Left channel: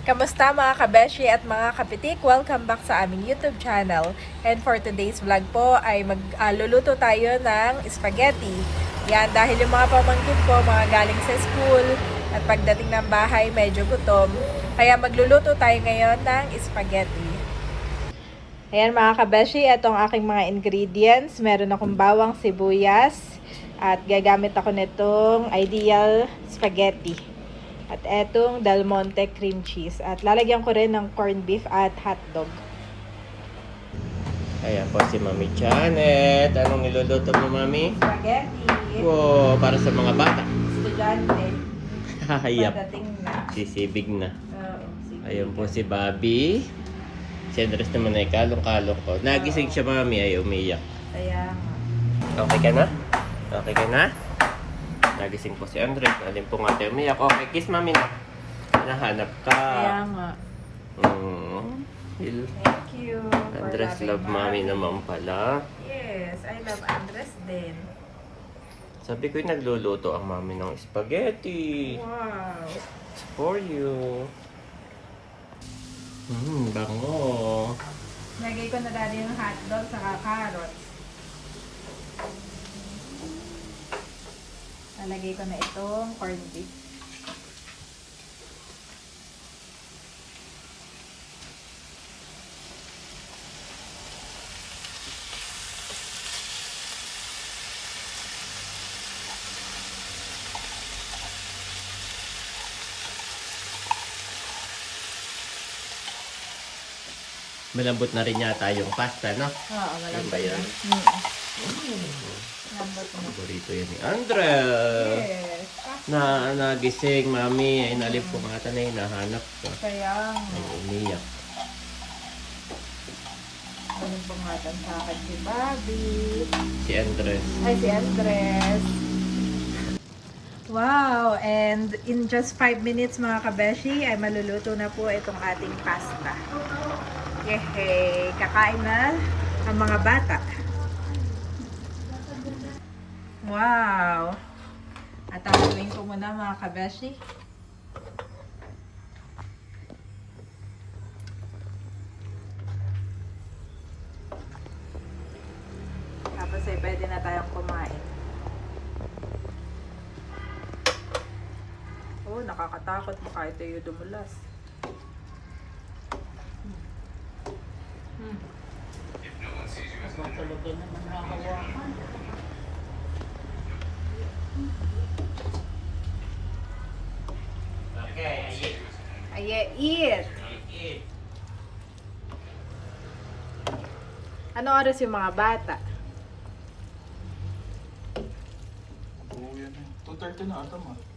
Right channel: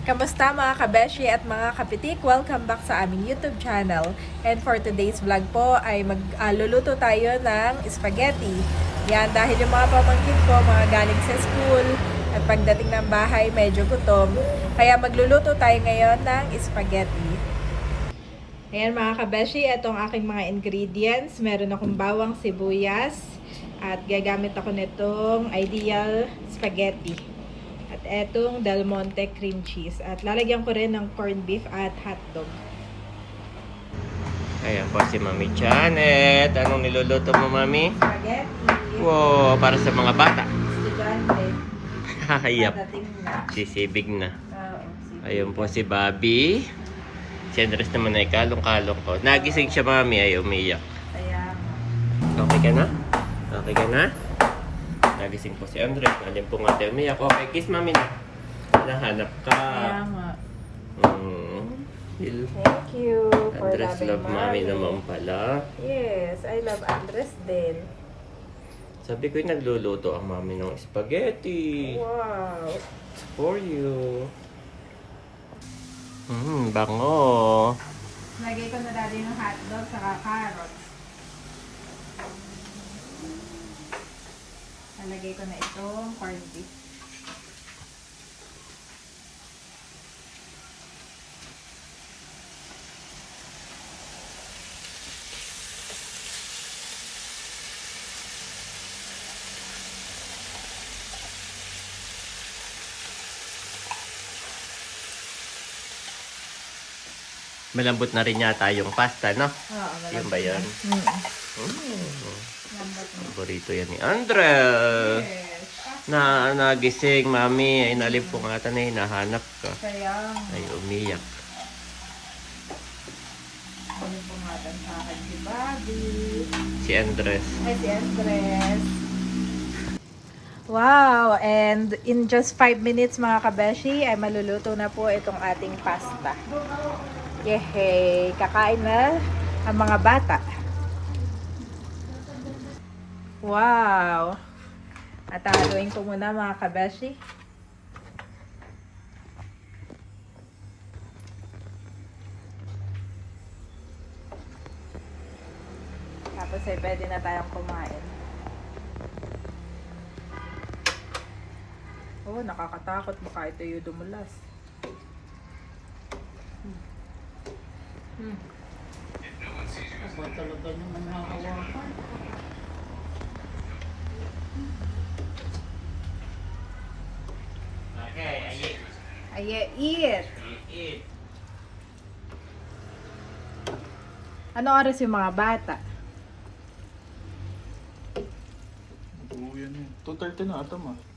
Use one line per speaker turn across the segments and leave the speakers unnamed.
Kamusta mga kabeshi at mga kapitik? Welcome back sa aming YouTube channel. And for today's vlog po ay magluluto tayo ng spaghetti. Yan, dahil yung mga pamangkin ko, mga galing sa school at pagdating ng bahay medyo gutom. Kaya magluluto tayo ngayon ng spaghetti. Ayan mga kabeshi, itong aking mga ingredients. Meron akong bawang sibuyas at gagamit ako nitong Ideal Spaghetti. At etong Del Monte cream cheese. At lalagyan ko rin ng corned beef at hotdog.
Ayan po si Mami Janet. Anong niluluto mo, Mami?
Spaghetti.
Wow, para sa mga bata.
Estudyante.
Hayap.
Padating na.
Sisibig na.
MCB.
Ayun po si Bobby. Si Andres naman ay kalong-kalong ko. Nagising siya, Mami, ay umiyak.
Kaya nga.
Okay ka na? Okay ka na? Nagising po si Andres. Alin po nga tayo umiyak. Okay, kiss Mami na. Nahanap ka.
Kaya nga. Thank you. for
Andres
loving
love Mami naman pala.
Yes, I love Andres din.
Sabi ko yung nagluluto ang Mami ng spaghetti.
Wow.
For you. Bango.
Lagay ko na dali yung hotdog sa carrot. Lalagay ko na itong corned beef.
Malambot na rin yata yung pasta, no?
Oo, malambot.
Yan ba yun?
Lambot na.
Paborito yan ni Andres.
Yes.
Nagising, Mami. Ay, nalimpungatan na hinahanap ka.
Kaya
Ay, umiyak.
pangatan sa akin si Bobby.
Si Andres.
Ay, si Andres. Wow! And in just 5 minutes mga kabeshi, ay maluluto na po itong ating pasta. Yehey! Kakain na ang mga bata. Wow! At haluin ko muna mga kabeshi. Tapos ay pwede na tayong kumain. Oh, nakakatakot. Baka ito yung dumulas.
Talaga naman hahawakan.
Okay,
Aye, eat! Ano oras yung mga bata?
Oo, yan yun. 2:30 na ata ma.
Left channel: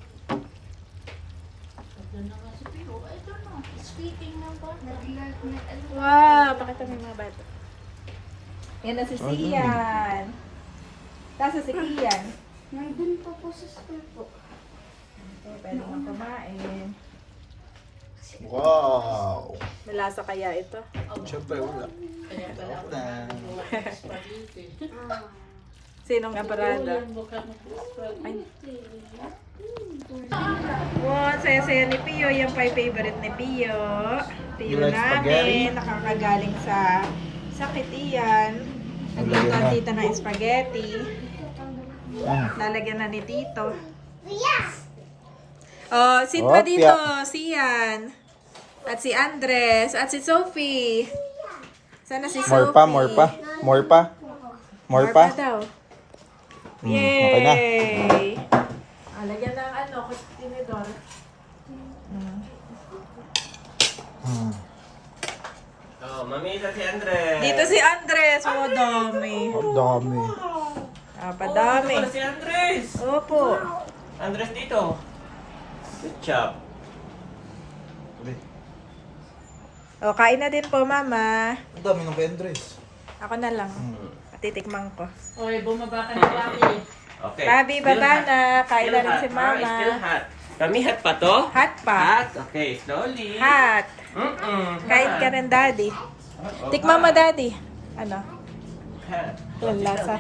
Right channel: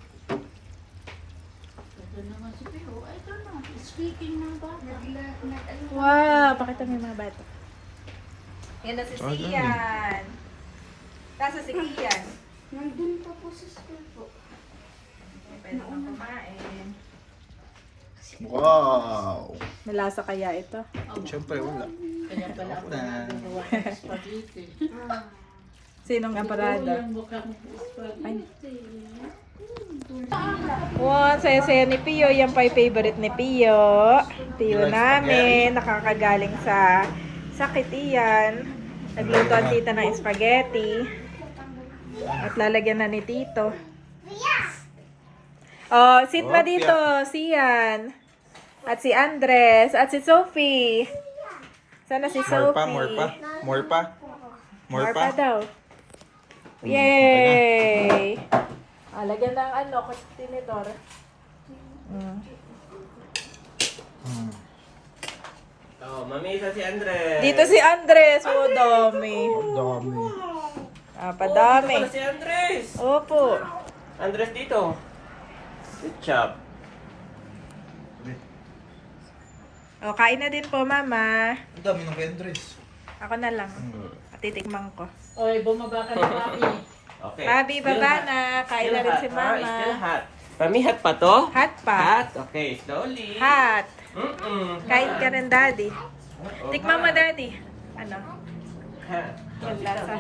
Ito naman si Pio. Ito na. Speaking ng bata.
Wow! Pakita mo mga bata. Yan na si Sian. Nasa si Kian.
Nandun pa po sa school po.
Okay, pwede kang kumain.
Wow!
Nalasa kaya ito?
Siyempre, wala.
Kaya pala
Ako
ako
na.
nagawa ng spaghetti.
Sinong kaparada?
Yan, baka spaghetti.
Wow, saya-saya ni Pio. Yan pa yung favorite ni Pio. Pio
Yung
namin. Nakakagaling sa sakit iyan. Nagluto ang tita ng spaghetti. At lalagyan na ni Tito. Oh, sit pa
Opya.
dito. Sian. At si Andres. At si Sophie. Sana si
More
Sophie.
pa, more pa. More pa. More pa.
daw.
Okay na.
Yay! Lagyan ng ano, tinidor.
Oh, Mami, ito si Andres.
Dito si Andres. Oh, dami.
Ang dami.
Padami.
Ito si Andres.
Opo.
Andres dito. Good job.
O, kain na din po, Mama.
Ang dami ng Andres.
Ako na lang. Patitikman ko.
Oy, bumaba ka na Papi.
Okay.
Bobby,
Still
baba
hot.
na. Kain na
Still
rin
hot.
si Mama.
Still hot. Mami, hot pa to?
Hot pa.
Hot? Okay, slowly.
Hot. Kain ka
Hot.
rin, Daddy.
Oh,
Tikman mo,
hot.
Daddy. Ano?
Hot.
Yung lasa.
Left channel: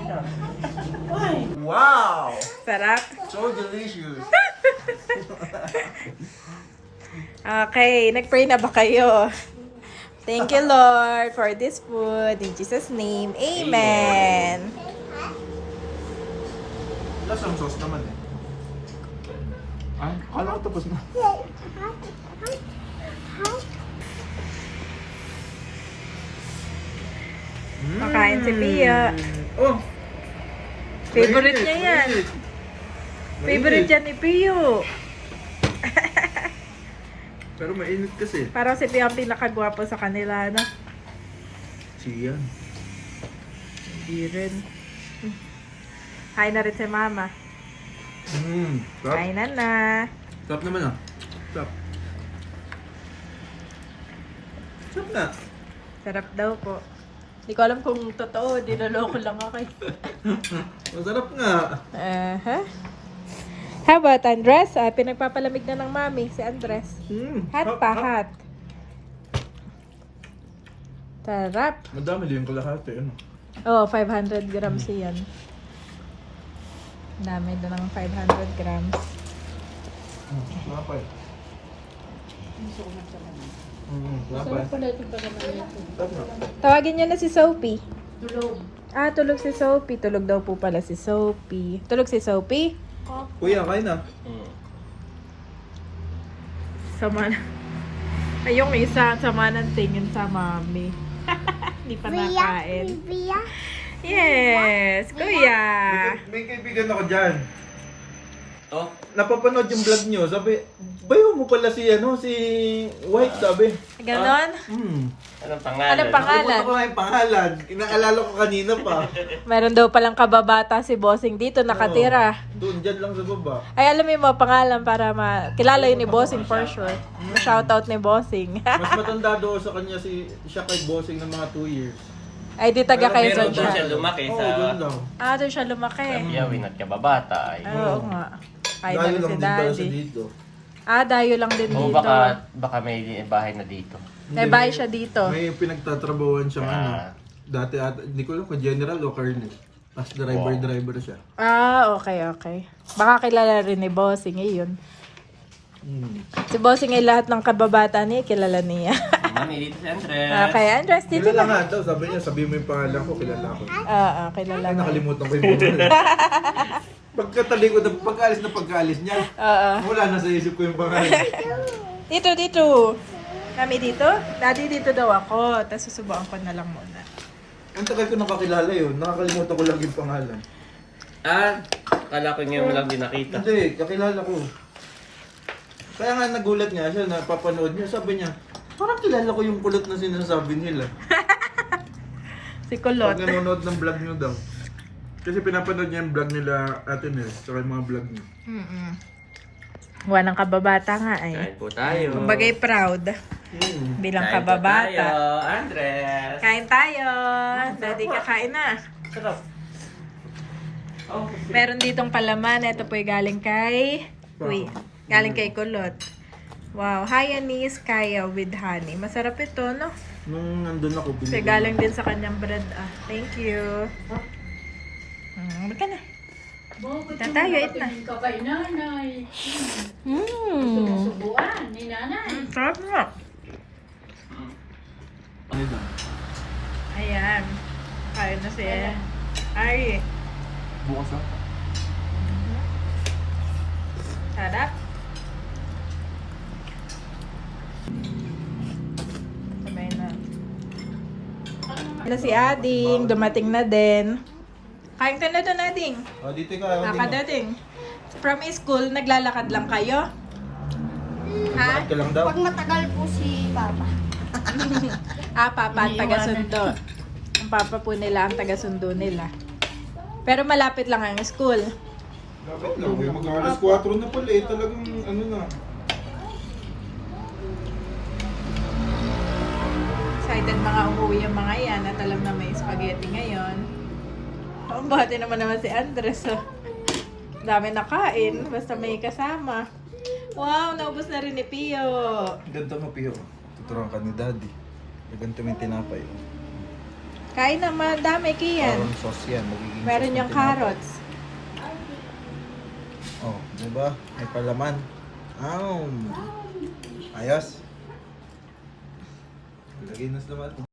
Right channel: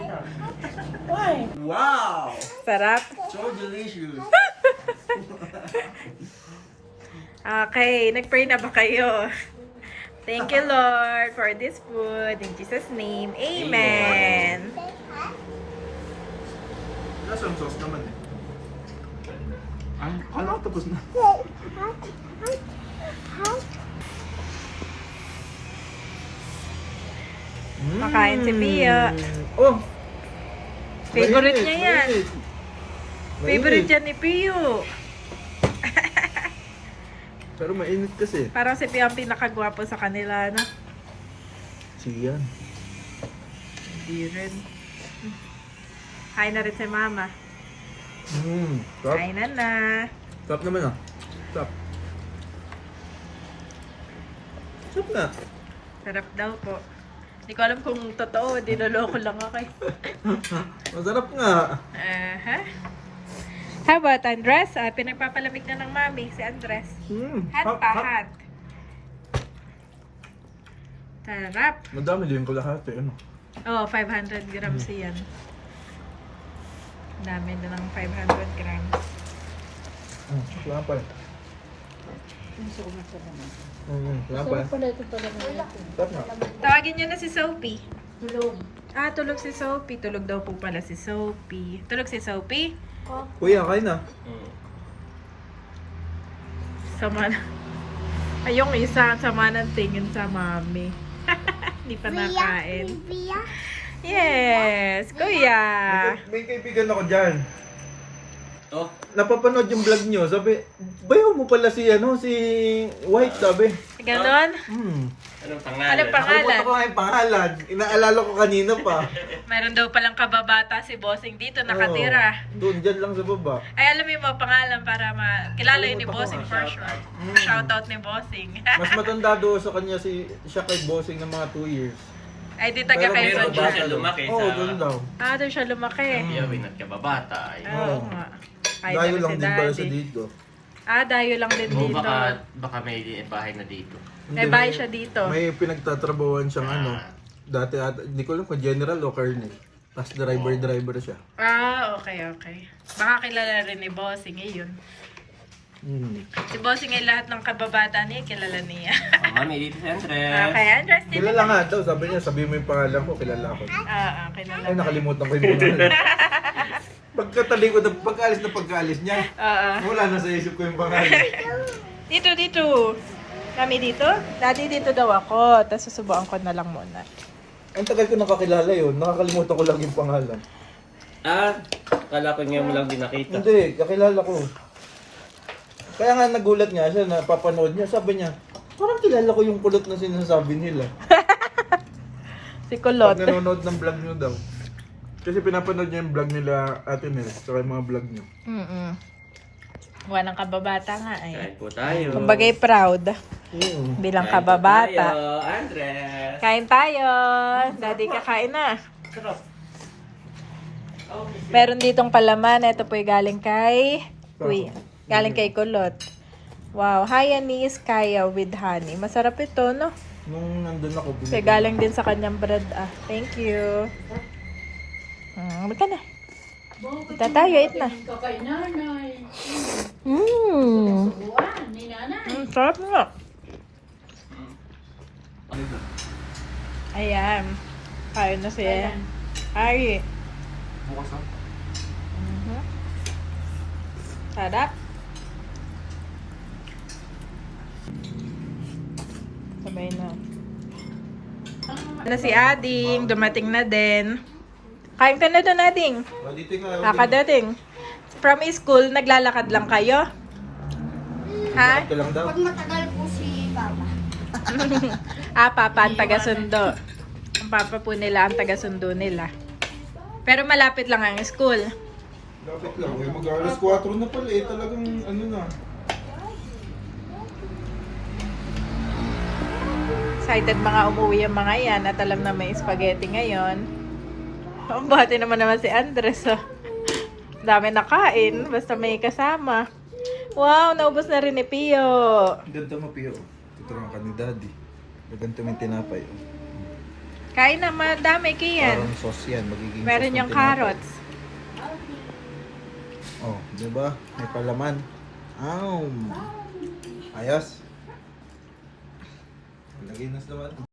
Wow!
Sarap.
So delicious.
Okay, nag-pray na ba kayo? Thank you, Lord, for this food. In Jesus' name, Amen.
Lasang sauce naman eh. Ano tapos na?
Makain si Pio.
Oh!
Favorite niya yan.
Mainit.
Favorite yan ni Pio.
Pero mainit kasi.
Parang si Pio ang pinakagwapo sa kanila, no?
Siyan.
Hindi rin. Kain na rin si Mama.
Sarap.
Kainan na.
Sarap naman ah. Sarap. Sarap na.
Sarap daw po. Hindi ko alam kung totoo. Dinaloko lang ako.
Masarap nga.
How about Andres? Pinagpapalamig na ng mami si Andres. Hot pa, hot. Sarap.
Madami din ko lahat eh. Ano?
Oh, 500 grams yan. Dami na ng 500 grams.
Wala pa eh. Wala pa eh. Sarap nga.
Tawagin niyo na si Sophie.
Tulog.
Tulog si Sophie. Tulog daw po pala si Sophie. Tulog si Sophie?
Kuya, kain na.
Sama na. Ay, yung isa, sama ng tingin sa mami. Hindi pa nakain. Yes, kuya.
May kaibigan ako dyan.
Oh,
Napapanood yung vlog nyo. Sabi, bayo mo pala si White, sabi.
Ganon?
anong pangalan?
Anong pangalan?
Nakalimutan ko nga yung pangalan. Inaalala ko kanina pa.
Meron daw palang kababata si Bossing dito, nakatira.
Doon, dyan lang sa baba.
Ay, alam mo yung mga pangalan para kilala yun ni Bossing for sure. Shoutout ni Bossing.
Mas matanda doon sa kanya siya kay Bossing ng mga 2 years.
Ay, di taga Quezon
Pero doon siya
siya.
lumaki
Oo, doon
sa
lang.
Doon siya lumaki.
Yawin at kababata.
Oo nga. Ay,
Dayo lang
si
din pala sa
Daddy.
dito.
Dayo lang din
O
dito.
baka may bahay na dito.
May bahay siya dito.
May pinagtatrabawan siyang dati hindi ko alam kung general o colonel. As driver siya.
Okay. Baka kilala rin ni Bossing yun. Si Bossing ay lahat ng kababata niya, kilala niya.
Mami, dito si Andres.
Okay, Andres, dito
Kilala
ka.
nga daw, sabi niya, sabihin mo yung pangalan ko, kilala ko.
Kilala
Ay,
mo.
nakalimutan ko yung pangalan. Pagkaalis niya, wala na sa isip ko yung pangalan.
Dito. Kami dito? Daddy, dito daw ako. Tapos susubukan ko na lang muna.
Ang tagal ko nakakilala yun, nakakalimutan ko lang yung pangalan.
Kala ko ngayon mo lang din nakita.
Hindi, kakilala ko. Kaya nga nagulat nga siya, napapanood niya, sabi niya, parang kilala ko yung kulot na sinasabi nila.
Si Kulot.
Pag nanonood ng vlog niyo daw. Kasi pinapanood niya yung vlog nila Ate Nels, saka yung mga vlog niyo.
Ng kababata nga eh.
Kain po tayo.
Kumbagay proud. Bilang
Kain po
kababata.
tayo, Andres.
Kain tayo. Daddy, kakain na.
Sarap.
Meron ditong palaman. Ito po yung galing kay galing kay Kulot. Wow, Hayanese kaya with honey. Masarap ito, no?
Nung nandun ako,
Kasi galing din sa kanyang bread. Thank you. Baka na. Ita tayo, eat na.
Kay nanay.
Mmm.
Subuan ni nanay.
Sarap nga. Ayan. Kaya na siya. Ay.
Bukas na.
Sarap. Sabay na. Si Ading, dumating na din. Kain ka na doon, Ading.
Dito ka.
Kakadating. From school, naglalakad lang kayo? Ha?
Ito lang daw.
Pag matagal po si Papa.
Papa ang taga-sundo. Ang papa po nila ang taga-sundo nila. Pero malapit lang ang school.
Dapat lang. Mag-alas 4 na pala eh. Talagang ano na.
Excited mga umuwi ang mga yan at alam na may spaghetti ngayon. Ang bati naman si Andres. Dami nakain. Basta may kasama. Wow, naubos na rin ni Pio.
Ganito mo, Pio. Tuturuan ka ni Daddy. Ganito may tinapay.
Kain na, madami kiyan.
Parang sauce yan. Magiging
Meron
sauce
yung
ng tinapay.
carrots.
Oh, diba? May palaman. Ayos. Lagay na sa laman.